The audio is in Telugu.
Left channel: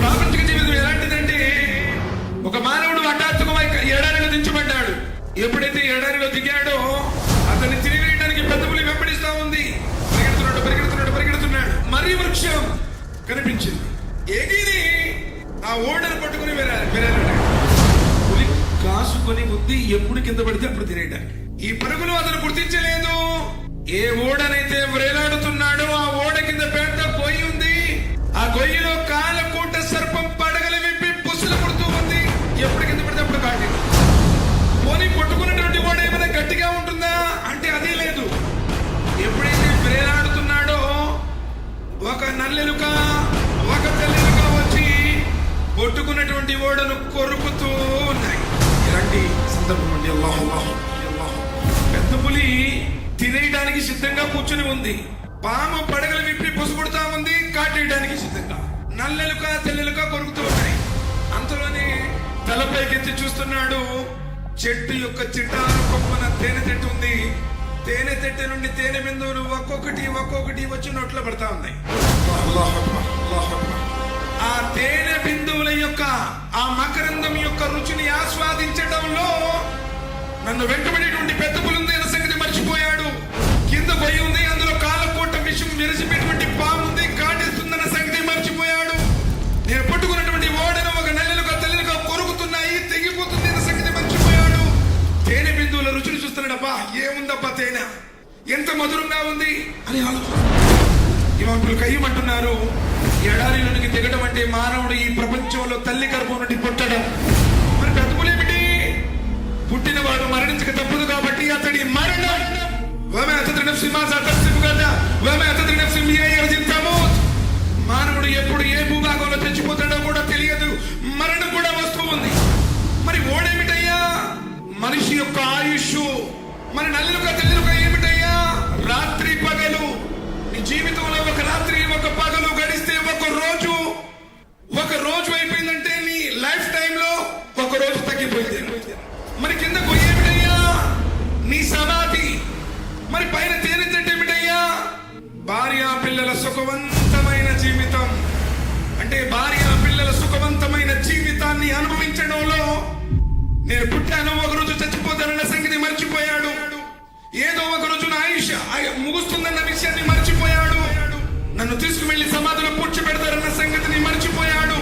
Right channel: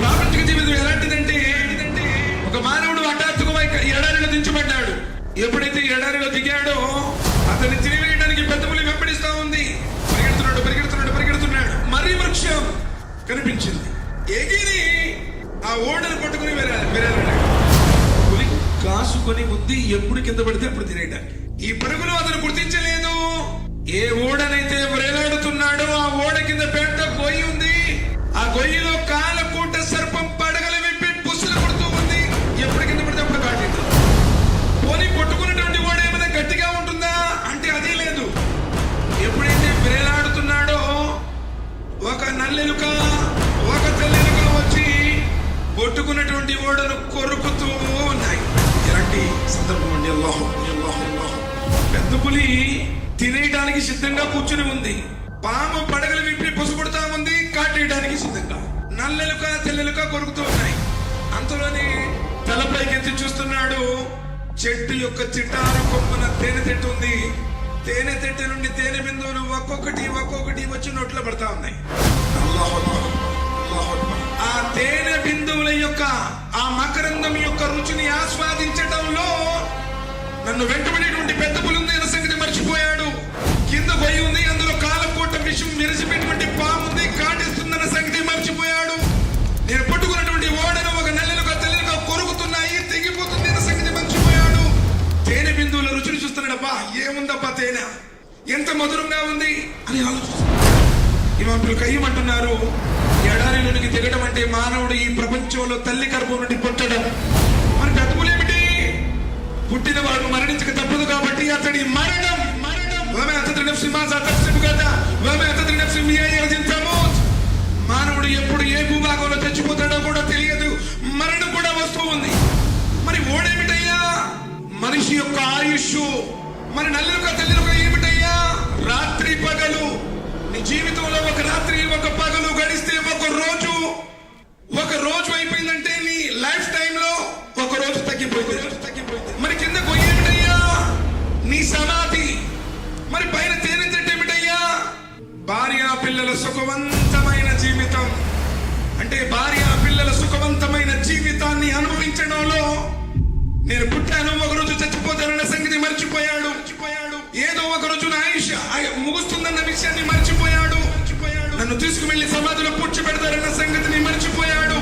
ప్రాపంచిక జీవితం ఎలాంటిదంటే, ఒక మానవుడు హఠాత్తుగా ఎడారిలో దించబడ్డాడు. ఎప్పుడైతే ఎడారిలో దిగాడో అతన్ని తిరిగివేయడానికి పెద్ద పులి వెంబడిస్తా ఉంది. పరిగెడుతున్నాడు పరిగెడుతున్నాడు పరిగెడుతున్నాడు. మర్రి వృక్షం కనిపించింది. ఎగిరి ఆ ఓడను పట్టుకుని వెరాలాడు. పులి కాసుకొని ఉంది, ఎప్పుడు కింద పడితే అప్పుడు తినేయడానికి. ఈ పరుగులు అతను గుర్తించలేదు. ఏ ఓడనైతే వేలాడుతున్నాడో ఆ ఓడ కింద పెద్ద గొయ్యి ఉంది. ఆ గొయ్యిలో కాలకూట సర్పం పడగలు విప్పి బుస్సులు కొడుతూ ఉంది. ఎప్పుడు కింద పడితే అప్పుడు కాటింది. పోనీ కొట్టుకున్నటువంటి ఓడ ఏమైనా గట్టిగా ఉంటుందా అంటే అదే లేదు. ఎప్పుడైతే వేలాడుతున్నాడో ఒక నల్లెలుక ఒక తెల్లెలుక వచ్చి కొట్టుకున్నటువంటి ఓడను కొరుకుతూ ఉన్నాయి. ఇలాంటి సందర్భం అండి. అల్లాహు పెద్ద పులి తినేయడానికి సిద్ధంగా కూర్చుని ఉంది. పాము పడగలు విప్పి పొసుకొడతా ఉంది, కాటేయడానికి సిద్ధంగా. నల్లెలుక తెల్లెలుక కొరుకుతూ ఉన్నాయి. అంతలోనే తలపైకెత్తి చూస్తున్నాడు. చెట్టు యొక్క చిటారు కొమ్మన తేనె తెట్టు ఉంది. తేనె తెట్టె నుండి తేనె బిందువులు ఒక్కొక్కటి వచ్చి నోట్లో పడతా ఉన్నాయి. ఆ తేనె బిందువుల యొక్క ఆ మకరందం యొక్క రుచిని ఆస్వాదించడంలో నన్ను వెంటబడేటువంటి పెద్ద పులి ఉంది అన్న సంగతి మర్చిపోయాడు. కింద గొయ్యి ఉంది, అందులో కాలకోట విషం మెరిసిపోయేటువంటి పాము ఉంది, కాటేస్తుందన్న సంగతి మర్చిపోయాడు. నేను పట్టుకున్నటువంటి ఓడను ఒక నెలలుగా తెల్లలుగా కొరుకుతున్నాయి, తెగిపోతుంది అన్న సంగతి మర్చిపోయాడు. తేనె బిందువుల రుచిని చూస్తున్నాడు. అబ్బా ఏముందబ్బా తేనె, ఎంత మధురంగా ఉంది అని ఆలోచిస్తున్నాడు. ఇమాములు కయ్యం అంటున్నారు, ఎడారిలోనికి దిగడం అంటే మానవుడు ఈ ప్రపంచంలో తల్లి గర్భం నుండి పుట్టడం. మరి పెద్ద పులేమిటి? పుట్టినవాడు మరణించక తప్పదు కాబట్టి అతడి మరణం. మానవుడు ఎప్పుడు ఏ భూభాగంలో చచ్చిపోతాడో కూడా తెలియదు. మరణం కూడా వస్తూ ఉంది. మరి ఓడేమిటయ్యా? మనిషి యొక్క ఆయుష్. మరి నల్లుక తెల్లుక ఏమిటయ్యా? రాత్రి పగలు. నీ జీవితంలో ఒక రాత్రి ఒక పగలు గడిస్తే ఒక రోజు అయిపోయిందంటే నీ లైఫ్ టైమ్ లో ఒక రోజు తగ్గిపోయింది. మరి కింద గొయ్యేమిటయ్యా? నీ సమాధి. మరి పైన తేనె చెట్టు ఏమిటయ్యా? భార్య పిల్లల సుఖవంతమైన జీవితం. అంటే భార్య పిల్లల సుఖవంతమైన జీవితాన్ని అనుభవించడంలో నేను పుట్టాను, ఒక రోజు చచ్చిపోతానన్న సంగతి మర్చిపోయాడు. ఏదో ఒక రోజు నా ఆయుష్ ముగుస్తుందన్న విషయాన్ని మర్చిపోయాడు. నన్ను తీసుకువెళ్లి సమాధిలో పూడ్చిపెడతారన్న సంగతిని మర్చిపోయాడు.